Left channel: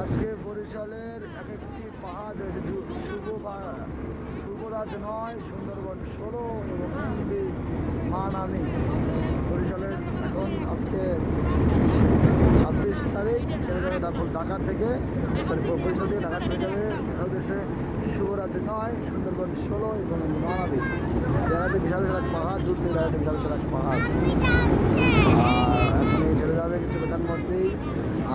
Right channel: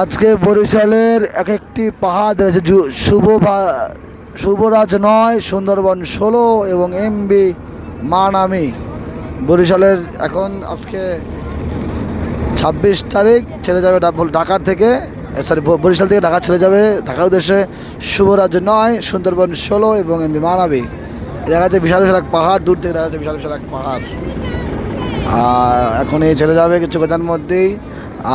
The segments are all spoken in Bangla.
আজকে বরিশালের এক একটি পাহাড় রয়েছে শুভরাজ 9, সুন্দরবন 16 এবং এমবি মানামি। বরিশালের এখন আজকে 26 তারিখ ছেড়ে যাবে ঢাকার থেকে, বরিশাল থেকে ঢাকা ছেড়ে যাবে ঢাকার উদ্দেশ্যে শুভরাজ 9, সুন্দরবন 16 এবং এমবি মানামি। দেখা যাচ্ছে বিশাল বিশাল এক পাহাড়, দূর থেকে দেখা যাচ্ছে বিশাল বিশাল এক পাহাড়। এখন এই ছেড়ে যাবে কিছু কথার মধ্যেই।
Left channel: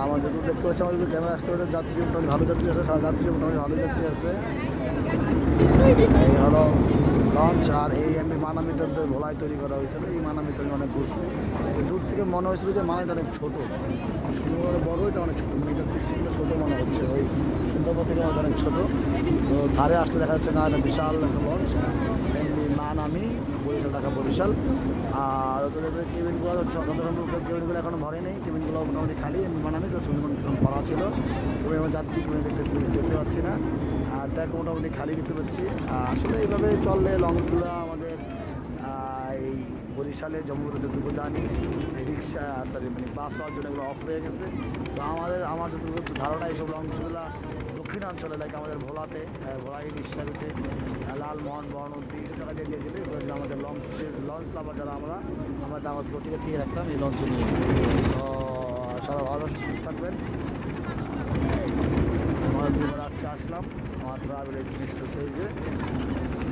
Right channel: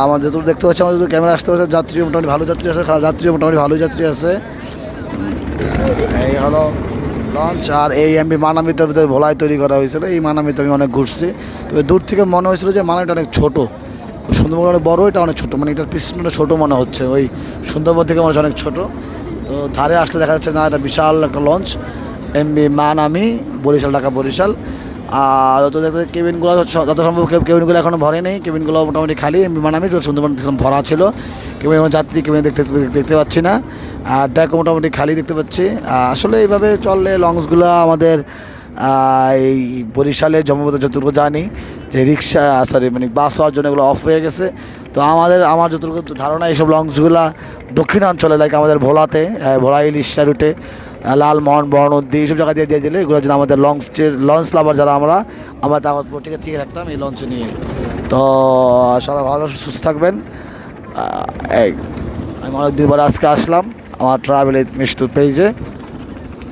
আমাদের যতদূর দেখতে পাচ্ছি, আমাদের যদি ক্যামেরা আসতে পারছে, যাত্রী মোটামুটি ভালো যাত্রী আছে, খারাপ যাত্রীও মোটামুটি ভালো যাত্রী আছে। এই হলো লঞ্চ। আর এই এমবি মানামিতে ভোলাই তৈরি করা হয়েছিল। এই মানামিতে আমি অনেক ঘুরছি, তবে দূর থেকে মনে হয়েছিল যে মানামিটা অনেক ছোটো, সুন্দরবন অনেক বড়ো, এটা অনেক ছোটো, মানে এটার পিছনটা ছোটো মনে হচ্ছে, ওই সুন্দরবন থেকে মনে হচ্ছে অনেক ছোটো। তো ধারে আসলে দেখা যাচ্ছে না, এটা বিশাল একটা লঞ্চ, এমবি মানামি, বরিশাল ঢাকা বরিশাল। আর যত দেখতে কেবিনগুলো যত সম্ভব কেবিনগুলো এখনও ভরে নেই, কেবিনগুলো মোটামুটি খালি। এমবি মানামি সুন্দরবন ভরা ছিল, কেবিন যাত্রী কেবিন দেখতে পাচ্ছি না। আর ডেকও মোটামুটি খালি দেখতে পাচ্ছি। আসলে এইভাবে চললে লঞ্চগুলো আমাদের এই বরিশালের যতটুকু জানি যে রিক্সা মানে বাস হওয়ার জন্য এগুলো অফ হয়ে গেছে। তো আমার যতটুকু ধারণা, এইসব লঞ্চগুলো দক্ষিণাঞ্চলে, লাইক আমাদের ভোলাতে, ভোলা ইলিশা রুটে, লালমোহন, বরনদী, এইসব জায়গা দিয়ে দিলে এগুলোর জন্য আমাদের লঞ্চ লাভার যারা আমরা তা ঠিক রাখতাম এই লঞ্চে নিয়ে। তো সবাই ভালো সুস্থ থাকবেন। এই আমি অনেকদিন পরে আজকে আসলাম আমার ট্রাভেল মিষ্টুর পেজে।